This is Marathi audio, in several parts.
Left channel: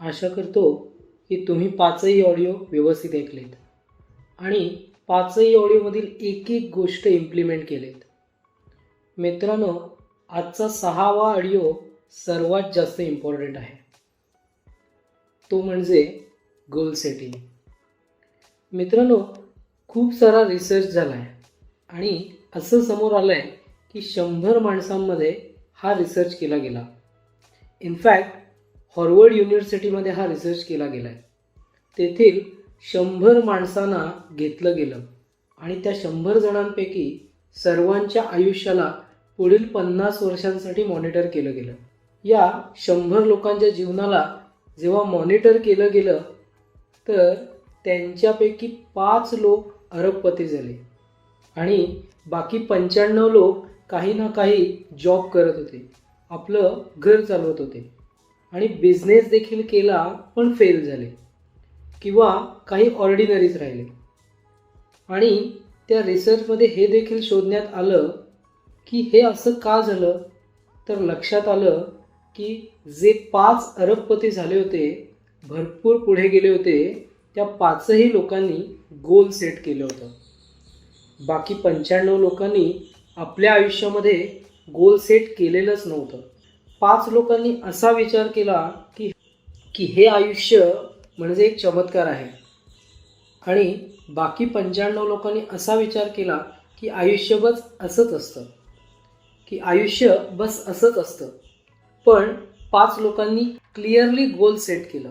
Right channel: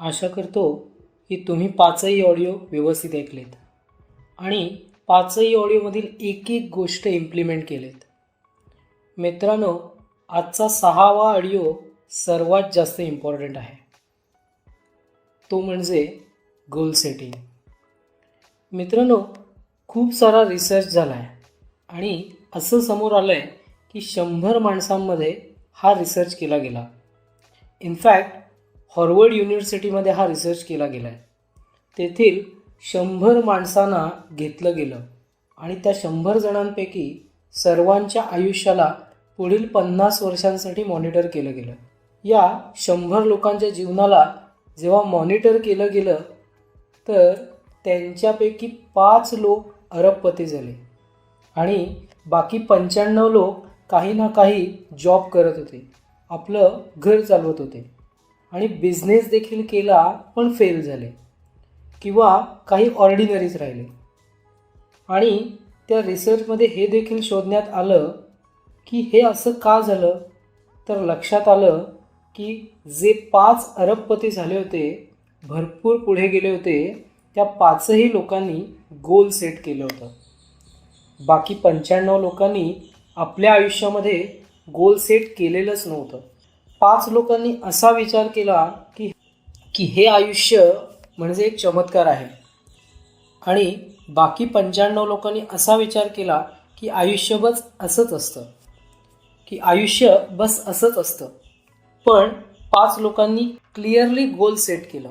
आशा करतो की तुम्ही पाचही ऑडिओ व्यवस्थित ऐकलेत आणि पाचही ऑडिओमधील एक एक गोष्ट इम्प्लिमेंट केलेत. मित्रांनो, आजचा 6वा ऑडिओ सर्वात जास्त इम्पॉर्टंट आहे. तो म्हणजे गोल सेटिंग. मित्रांनो, खूप सारा रिसर्च झाला आहे आणि असं समोर आलं आहे की 100 माणसांमध्ये हा रिसर्च केला गेला. इनफॅक्ट हार्वर्ड युनिव्हर्सिटीमध्ये हा रिसर्च केला गेला आहे. तेथील 100 माणसांना घेतलं गेलं आणि त्या 100 जणांपैकी सर्वांच्या आयुष्याला पुढील 50 वर्षांसाठी मॉनिटर केलं गेलं. या 100 लोकांच्या जीवनाला जेव्हा मॉनिटर केलं गेलं तर त्यांच्यापैकी 5 लोक अरबपती झाले आणि बाकी 95 लोक काही ना काही जॉब करत होते, आपलं घर चालवत होते आणि बिझनेस देखील केला पण फेल झाले किंवा काही ऑर्डिनरीच राहिले. आणि त्या रिसर्चमध्ये हे देखील शोधण्यात आलं की हे असं का झालं, तर लक्षात आलं की जे 5 अरबपती झाले होते, भरपूर पुढे गेले होते, त्या 5ही लोकांनी गोल सेट केलं होतं. बाकी 95 लोकांनी आपल्या आयुष्यामध्ये गोल सेट केलेलंच नव्हतं. 5 लोकांनी असा विचार केला की हे आयुष्य म्हणजे एक चमत्कार आहे आणि बाकी 95 लोकांनी असा विचार केला की आयुष्य बस असंच असतं. पण 5 लोकांनी क्लिअरली गोल सेट केलं,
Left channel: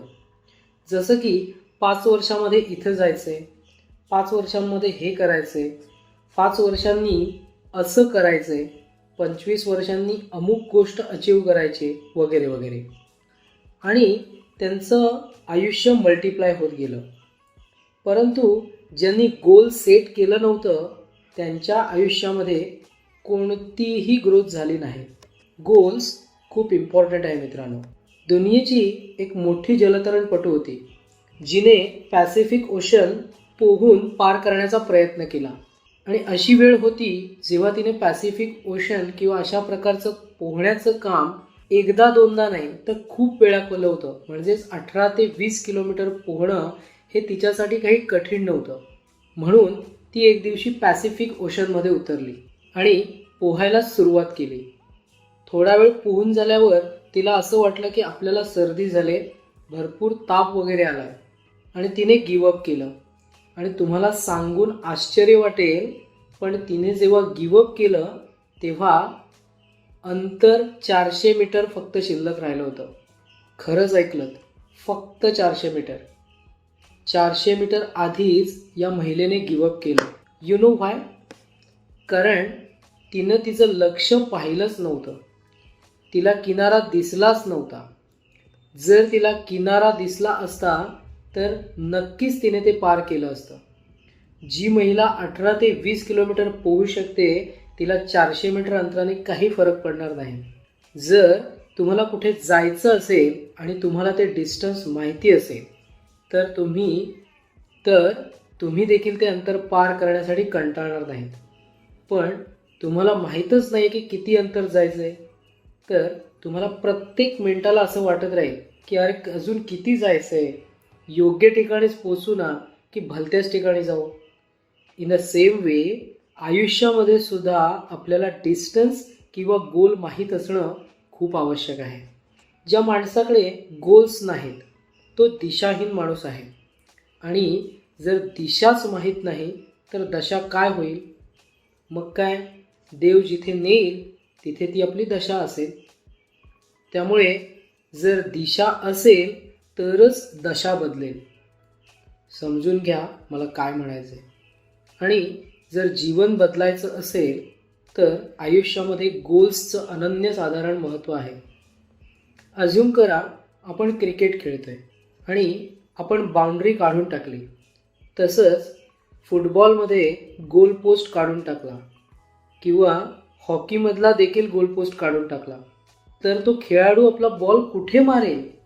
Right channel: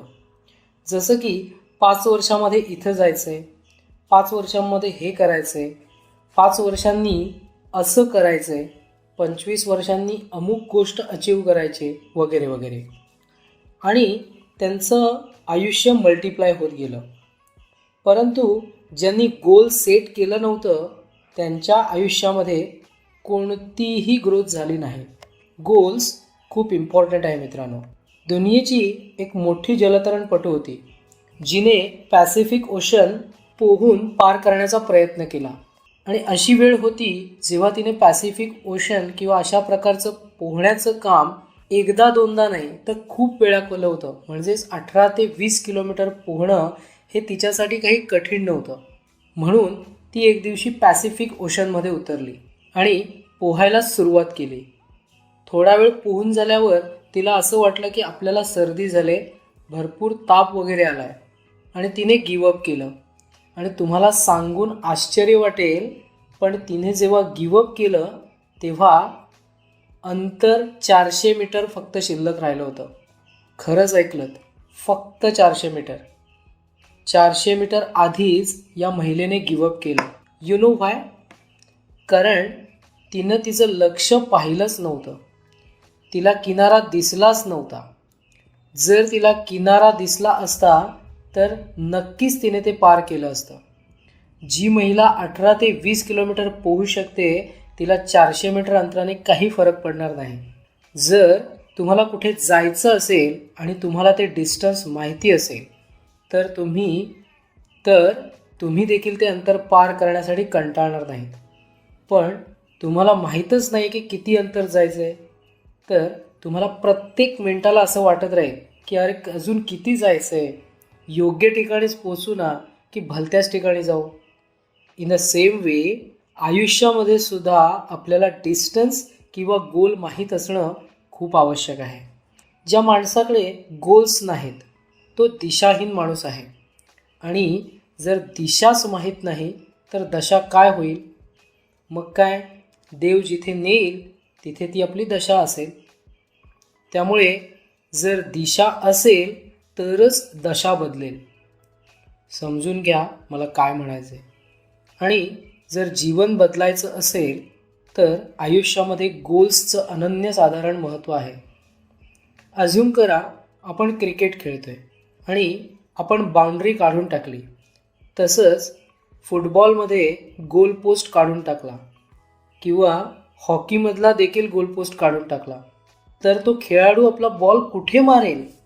जसं की 5 वर्षामध्ये इथं जायचं आहे, 5 वर्षांमध्ये हे करायचं आहे, 5 वर्षांनी असं करायचं आहे, 25 वर्षांनी अमुक गोष्ट अचीव करायची वगैरे वगैरे. आणि त्यांचं आयुष्य मल्टिप्लाय होत गेलं. परंतु ज्यांनी गोल सेट केलं नव्हतं त्यांच्या आयुष्यामध्ये कोणतीही ग्रोथ झाली नाही. गोल्स खूप इम्पॉर्टंट आहे मित्रांनो. दुनियेची एक मोठी जलतरणपटू होती जिने पॅसिफिक ओशन पोहून पार करण्याचा प्रयत्न केला आणि अशी वेळ होती जेव्हा तिने पॅसिफिक ओशन किंवा अशा प्रकारचं पोहण्याचं काम एकदा दोनदा नाही तर खूप वेळा केलं होतं. म्हणजेच 18 ते 20 किलोमीटर पोहणं हे तिच्यासाठी काही कठीण नव्हतं. म्हणून ती एक दिवशी पॅसिफिक ओशनमध्ये उतरली आणि पोहायला सुरुवात केली. थोडा वेळ पोहून झाल्यावर तिला असं वाटलं की आपल्याला सर्दी झाले, भरपूर ताप वगैरे आला आहे आणि तिने गिवअप केलं. आणि तुम्हाला सांगून आश्चर्य वाटेल, पण तिने जेव्हा गिवअप केलं तेव्हा अंतर 400 मीटर फक्त शिल्लक राहिलं होतं. खरंच ऐकलंत, फक्त 400 मीटर. 400 मीटर आधीच या महिलेने गिवअप केलं. You know why? कारण तिनं तिचं लक्ष पाहिलंच नव्हतं. तिला किनारा दिसलाच नव्हता. जर तिला किनारा दिसला असता तर नक्कीच तिने ते पार केलं असतं. जी महिला 18 ते 20 किलोमीटर पोहू शकते तिला 400 मीटर अंतराने काही फरक पडणार नाही. जर तुम्हाला कुठे जायचं असेल आणि तुम्हाला ते डिस्टन्स माहिती असेल तर तुम्ही देखील ते अंतर पार करण्यासाठी कंटाळणार नाहीत. पण तुम्हाला माहीतच नाही की किती अंतर जायचं आहे तर तुम्हाला प्रत्येक मिनिटाला असं वाटत राहील की अरे अजून किती जायचं आहे, योग्य ठिकाणीच पोचू ना की भलत्याच ठिकाणी जाऊ. इन द सेम वे आयुष्यामध्ये सुद्धा आपल्याला डिस्टन्स किंवा गोल माहीत असणं खूप आवश्यक आहे. ज्या माणसाकडे गोल्स नाहीत तो दिशाहीन माणूस आहे. आणि जर दिशाच माहीत नाही तर दशा काय होईल? मग काय, देव जिथे नेईल तिथे ती आपली दशा असेल. त्यामुळे जर दिशा असेल तरच दशा बदलेल. समजून घ्या मला काय म्हणायचं आहे. आणि जर जीवन बदलायचं असेल तर आयुष्यामध्ये गोल्सचं अनन्यसाधारण महत्त्व आहे. अज्यूम करा आपण क्रिकेट खेळतोय आणि आपण बाउंड्री काढून टाकली. तसंच फुटबॉलमध्ये गोल पोस्ट काढून टाकला किंवा हॉकीमधला देखील गोल पोस्ट काढून टाकला तर तो खेळाडू आपला बॉल कुठे मारेल?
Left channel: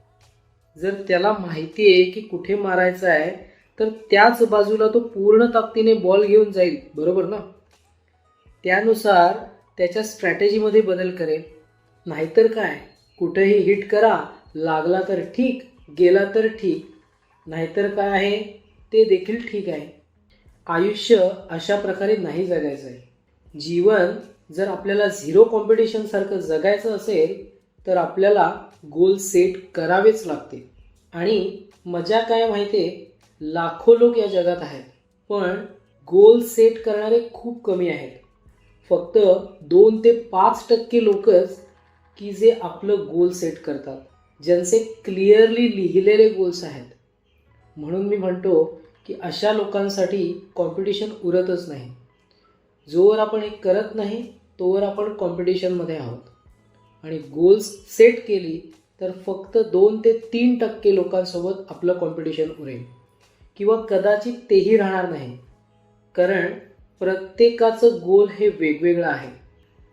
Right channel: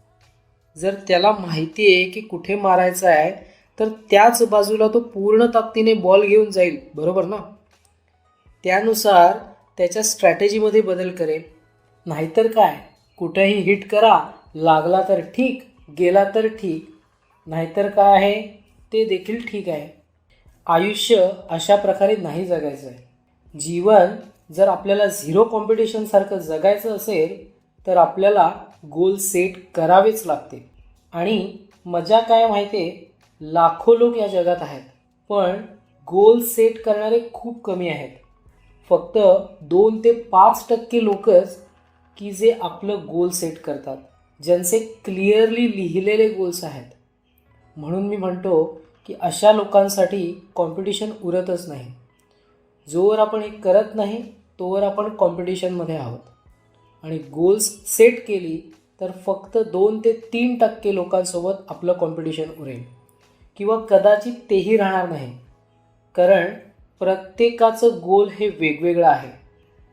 जर त्याला माहिती आहे की कुठे मारायचं आहे तर त्याच बाजूला तो पूर्ण ताकदीने बॉल घेऊन जाईल, बरोबर ना? त्यानुसार त्याच्या स्ट्रॅटेजीमध्ये बदल करेल. नाहीतर काय, कुठेही हिट करा, लागला तर ठीक, गेला तर ठीक, नाहीतर काय आहे ते देखील ठीक आहे. आयुष्य अशा प्रकारे नाही जगायचं आहे. जीवन जर आपल्याला झिरो कॉम्पिटिशनसारखं जगायचं असेल तर आपल्याला गोल सेट करावेच लागते. आणि मजा काय माहिती आहे, लाखो लोक या जगात आहेत, पण गोल सेट करणारे खूप कमी आहेत. फक्त 2 ते 5% लोकच की जे आपलं गोल सेट करतात, ज्यांचे क्लिअरली लिहिलेले गोल्स आहेत. म्हणून मी म्हणतो की अशा लोकांसाठी कॉम्पिटिशन उरतच नाही. जोवर आपण हे करत नाही तोवर आपण कॉम्पिटिशनमध्ये आहोत. आणि गोल्स सेट केली तर फक्त 2 ते 3% लोकांसोबत आपलं कॉम्पिटिशन उरेल, किंवा कदाचित तेही राहणार नाही. कारण प्रत्येकाचं गोल हे वेगवेगळं आहे.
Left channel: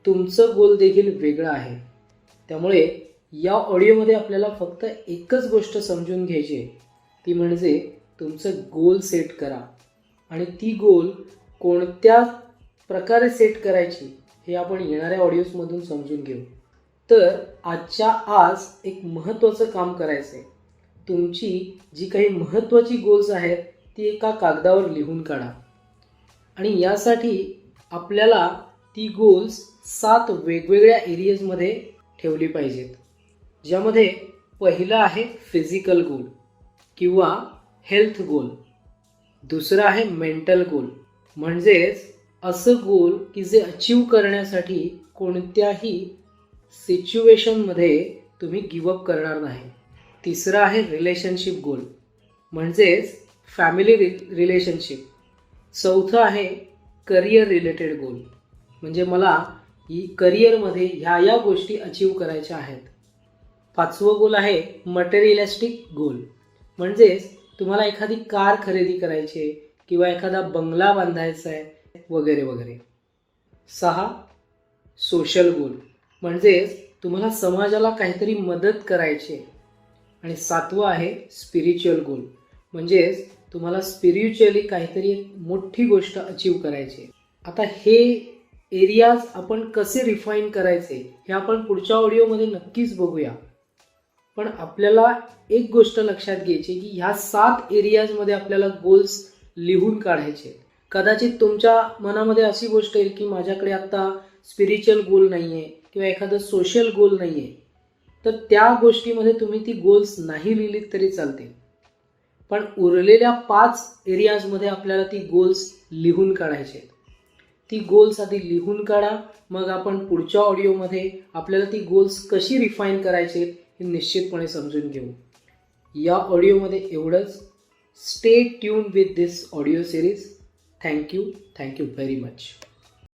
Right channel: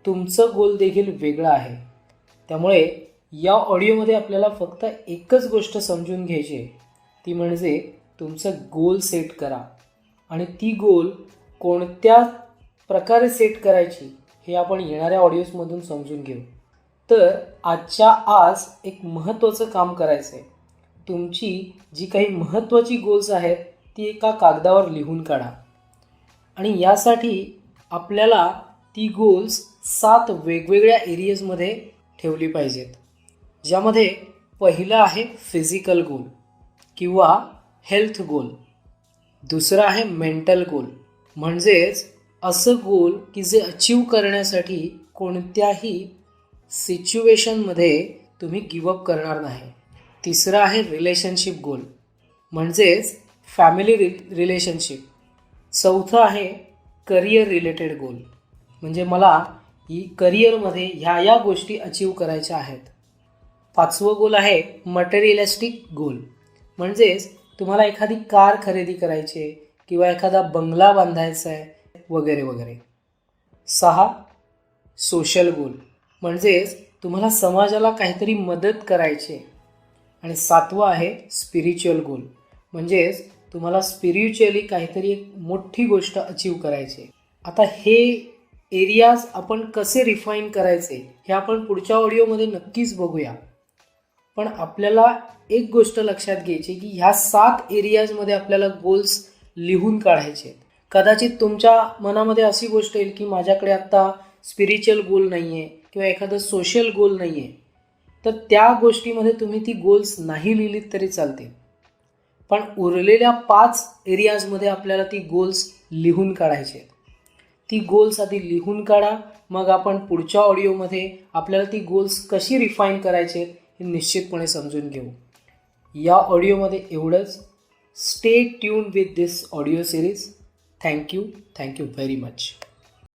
तुमचं गोल देखील वेगळं आहे. त्यामुळे या ऑडिओमध्ये आपल्याला फक्त एकच गोष्ट समजून घ्यायची आहे, ती म्हणजे तुमचं गोल सेट करा. आणि ती गोल कोणत्या प्रकारे सेट करायची हे आपण येणाऱ्या ऑडिओजमधून समजून घेऊ. तर आजच्या आज एक महत्त्वाचं काम करायचं आहे. तुमची जी काही महत्त्वाची गोल्स आहेत ती एका कागदावर लिहून काढा. आणि यासाठी आपल्याला ती गोल्स 7 वेगवेगळ्या एरियाजमध्ये ठेवली पाहिजेत. ज्यामध्ये पहिलं आहे फिजिकल गोल किंवा हेल्थ गोल. दुसरं आहे मेंटल गोल, म्हणजेच असं गोल की जे अचीव करण्यासाठी कोणत्याही सिच्युएशनमध्ये तुम्ही गिवअप करणार नाही. तिसरं आहे रिलेशनशिप गोल, म्हणजेच फॅमिली रिलेशनशिप. चौथं आहे करिअर रिलेटेड गोल, म्हणजे मला ही करिअरमध्ये ह्या गोष्टी अचीव करायच्या आहेत. 5वं गोल आहे मटेरियलिस्टिक गोल, म्हणजेच तुम्हाला एखादी कार खरेदी करायची आहे किंवा एखादा बंगला बांधायचा आहे वगैरे वगैरे. 6 सोशल गोल, म्हणजेच तुम्हाला समाजाला काहीतरी मदत करायची आहे. आणि 7वं आहे स्पिरिच्युअल गोल, म्हणजेच तुम्हाला स्पिरिच्युअली काहीतरी एक मोठी गोष्ट अचीव करायची आहे. आता हे एरियाज आपण कसे रिफाईन करायचे हे आपण पुढच्या ऑडिओमध्ये नक्कीच बघूया. पण आपल्याला एक गोष्ट लक्षात घ्यायची की ह्या 7 एरियाजमध्ये आपल्याला गोल्स लिहून काढायचे. कदाचित तुमच्या मनामध्ये अशी गोष्ट येईल की माझ्याकडे आत्ता स्पिरिच्युअल गोल नाही आहे किंवा एखादं सोशल गोल नाही आहे, तर त्या गोष्टीमध्ये तुम्ही ती गोल्स नाही लिहिलीत तरी चालते. पण उरलेल्या 5 एरियाजमध्ये आपल्याला ती गोल्स लिहून काढायचे. ती गोल्स आधी लिहून काढा, मग आपण पुढच्या ऑडिओमध्ये आपल्याला ती गोल्स कशी रिफाईन करायचे हे निश्चितपणे समजून घेऊ. या ऑडिओमध्ये एवढंच. Stay tuned with this audio series. Thank you very much.